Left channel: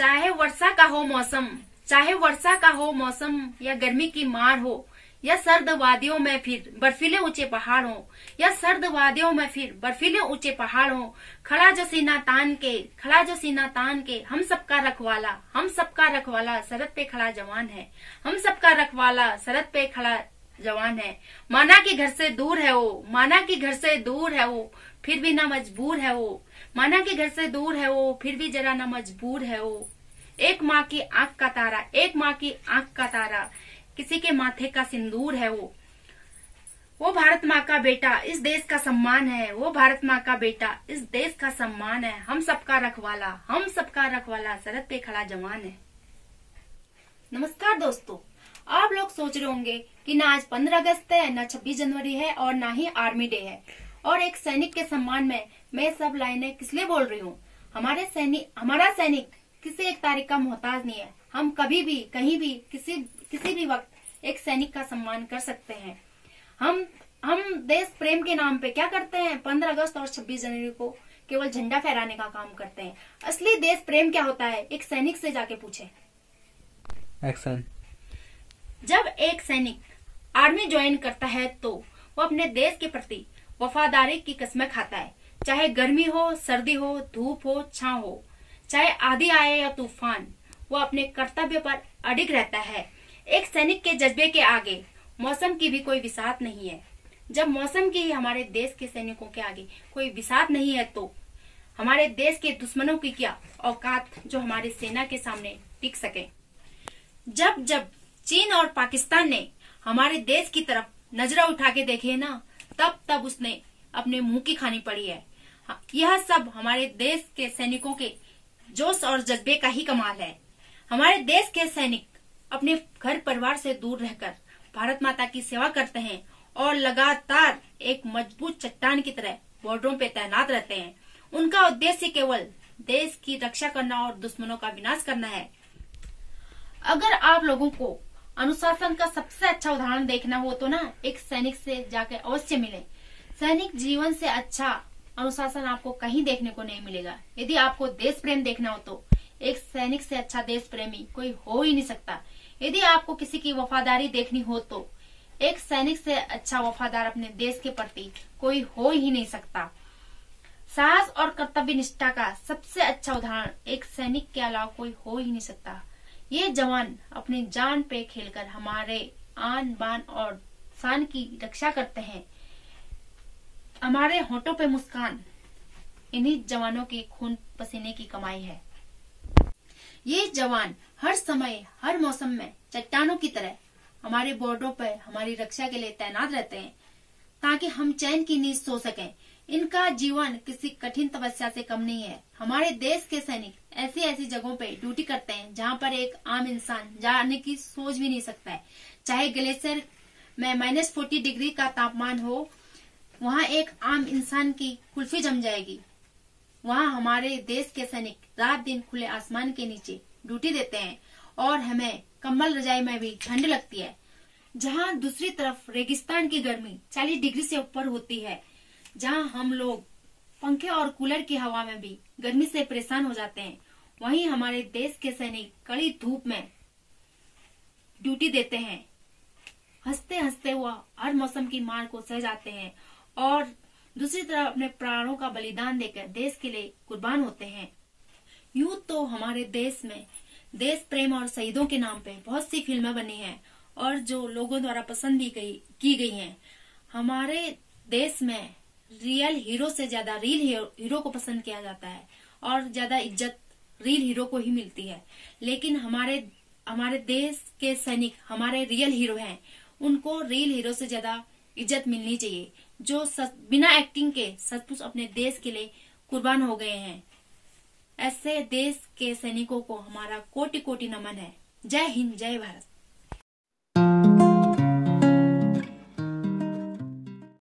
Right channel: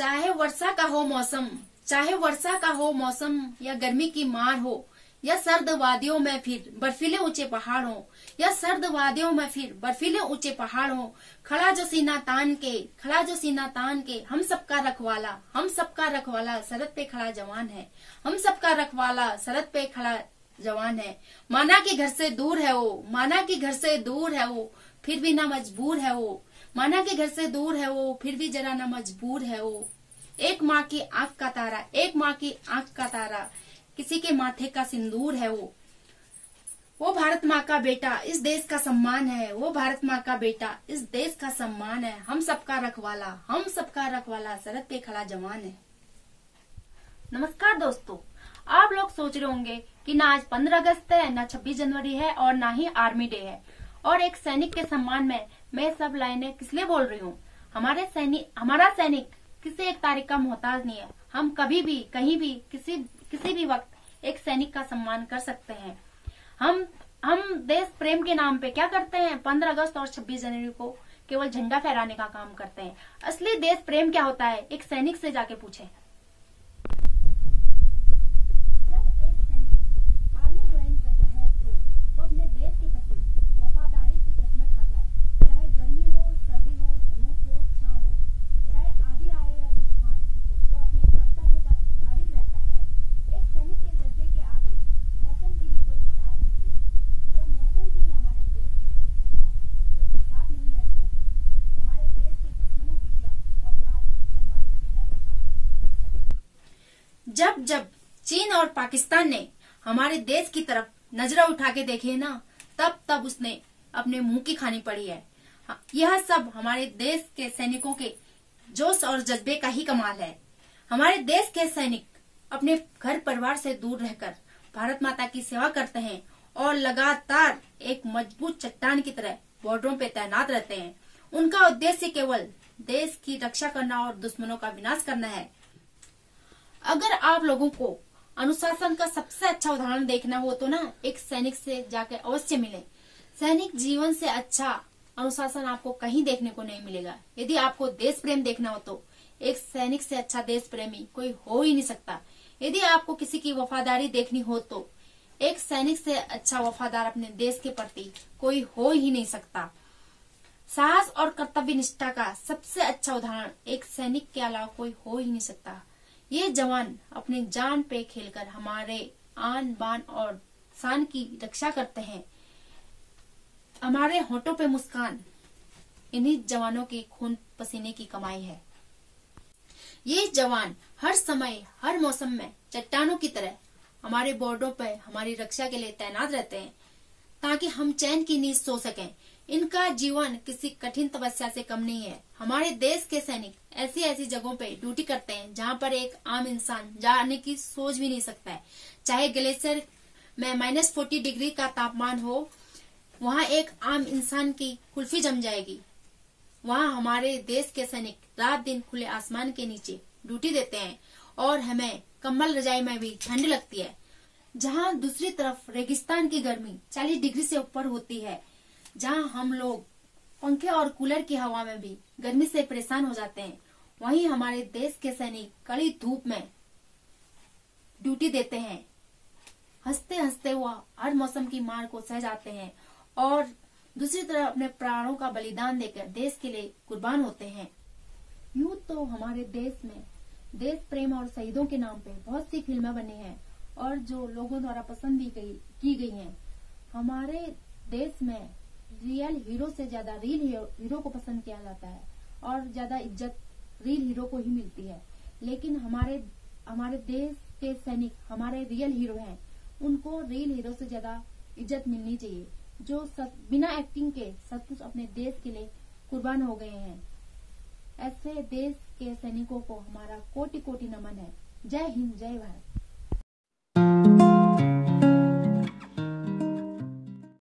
चाहे वर्षा का हो मौसम, चाहे वर्षा का हो मौसम, या गर्मी की मार हो, या सर्द वादियों में फिर बर्फीले ऊंचे पहाड़ हो, या सर्द वादियों में फिर बर्फीले ऊंचे पहाड़ हो, खड़ा जो सीना तान के, खड़ा जो सीना तान के, हम सबका रखवाला, हम सबका रखवाला सरहद पे खड़ा जवान है, हम सबका रखवाला सरहद पे खड़ा जवान है। माना कि घर से दूर है वो, माना कि घर से दूर है वो, फिर भी ना मजबूर है वो, माना कि घर से दूर है वो, फिर भी जरा ना मजबूर है वो। एक माँ की आंख का तारा, एक माँ की आंख का तारा, किसी के माथे का सिंदूर है वो भारत माँ का बेटा, इस देश का सम्मान है, वो भारत माँ का बेटा, इस देश का सम्मान है। हम सबका रखवाला, हम सबका रखवाला सरहद पे खड़ा जवान है। नमस्कार दोस्तों, आप लोग सोच रहे होंगे कि ना आज 15 अगस्त है, ना 26 जनवरी है और ना ही आर्मी डे है, और एक सैनिक के सम्मान में मैं सब लाइनें किस लिए बोल रही हूँ। हमारा सैनिक किसी एक तारीख का मोहताज नहीं है। हम कभी भी, कहीं भी, किसी भी वक्त एक सैनिक का सम्मान कर सकते हैं। हम देश प्रेम के नाम पे क्या करते हैं, 15 अगस्त और 26 जनवरी को केवल झंडा फहराने का काम करते हैं। असली देश प्रेम क्या होता है, एक सैनिक से जाके पूछे। एक्शन। जब एक सैनिक आर्मी ज्वाइन करता है तो वो अपने देश के प्रति वफादारी की कसमें खाता है। चाहे गर्मी हो, सर्दी हो, धूप हो, छांव हो, चाहे आंधी आए या तूफान, वो अपने कर्तव्य पर अडिग रहता है। एक सैनिक के जज्बे के आगे मौसम की भी कोई बिसात नहीं है। जब मौसम की हमारे देश के सैनिकों के आगे कोई बिसात नहीं है तो हमारे देश के दुश्मनों की क्या औकात जो हमारी सेना के सामने टिक सके। जब जब चीन और पाकिस्तान ने हमारे देश की तरफ नजर उठा के देखे ना, तब तब उसने अपने मुंह की खानी पड़ी है। यह सब हमारे देश के सैनिकों के जोश और जज्बे का ही कमाल है। हमारे देश के सैनिक अपने घर परिवार से दूर रहकर भारत माता की सेवा करते हैं और लगातार एक मजबूत चट्टान की तरह बॉर्डरों पे तैनात रहते हैं। उनका उद्देश्य केवल देश की रक्षा करना और दुश्मनों का विनाश करना है। अगर आप लोगों को अनुशासन का सबसे अच्छा उदाहरण देखना हो तो ना, एक सैनिक से जाकर अवश्य मिले। सैनिक जीवन से अच्छा अनुशासन आपको कहीं देखने को नहीं मिलेगा। यदि आपको देश प्रेम देखना हो तो एक सैनिक से अच्छा देश प्रेमी कोई हो ही नहीं सकता। यदि आपको किसी की वफादारी देखनी हो तो एक सैनिक से अच्छा वफादार अपने देश के प्रति कोई हो ही नहीं सकता। साहस और कर्तव्य निष्ठा का सबसे अच्छा उदाहरण एक सैनिक के अलावा कोई हो ही नहीं सकता। ये जवान अपनी जान पे खेलकर हमारे आन बान और शान की रक्षा करते हैं। हमारे होठों पे मुस्कान इन्हीं जवानों के खून पसीने की कमाई है। ये जवान हर समय, हर मौसम में चट्टानों की तरह हमारे बॉर्डरों पर हमारी रक्षा के लिए तैनात रहते हैं ताकि हम चैन की नींद सो सकें। इनका जीवन किसी कठिन तपस्या से कम नहीं है। हमारे देश के सैनिक ऐसी ऐसी जगहों पे ड्यूटी करते हैं जहाँ पर एक आम इंसान जाने की सोच भी नहीं सकता है। चाहे ग्लेशियर में -40 डिग्री का तापमान हो, वहाँ एक आम इंसान की कुल्फी जम जाएगी। वहाँ हमारे देश के सैनिक रात दिन खुले आसमान के नीचे ड्यूटी देते हैं और हमें कंबल रजाई में भी ठंड लगती है। जहाँ दूसरी तरफ रेगिस्तान की गर्मी 40 डिग्री से ऊपर होती है, जहाँ हम लोग पंखे और कूलर की हवा में भी गर्मी से परेशान हो जाते हैं, वहीं हमारे देश के सैनिक कड़ी धूप में ड्यूटी देते हैं। हंसते हंसते हुआ हर मौसम की मार को सह जाते हैं और दूसरी तरफ अपने प्राणों का बलिदान देकर देश के लिए कुर्बान होते हैं। यूं तो हमारे देश में देश प्रेम और शहीदों के नाम पे बहुत सी फिल्में बनी हैं और जो लोगों द्वारा पसंद भी की गई हैं। हमारे देश में रियल हीरो से ज्यादा रील हीरो को पसंद किया जाता है और ज्यादा इज्जत रील हीरो को ही मिलती है। लेकिन हमारे देश के सैनिक हमारे रियल हीरो हैं। उनको रील हीरो से ज्यादा इज्जत मिलनी चाहिए, जो बिना एक्टिंग के सचमुच अपने देश के लिए कुर्बान हो गए हैं। ऐसे देश के सैनिकों को हमारा कोटि कोटि नमन है। जय हिंद, जय भारत।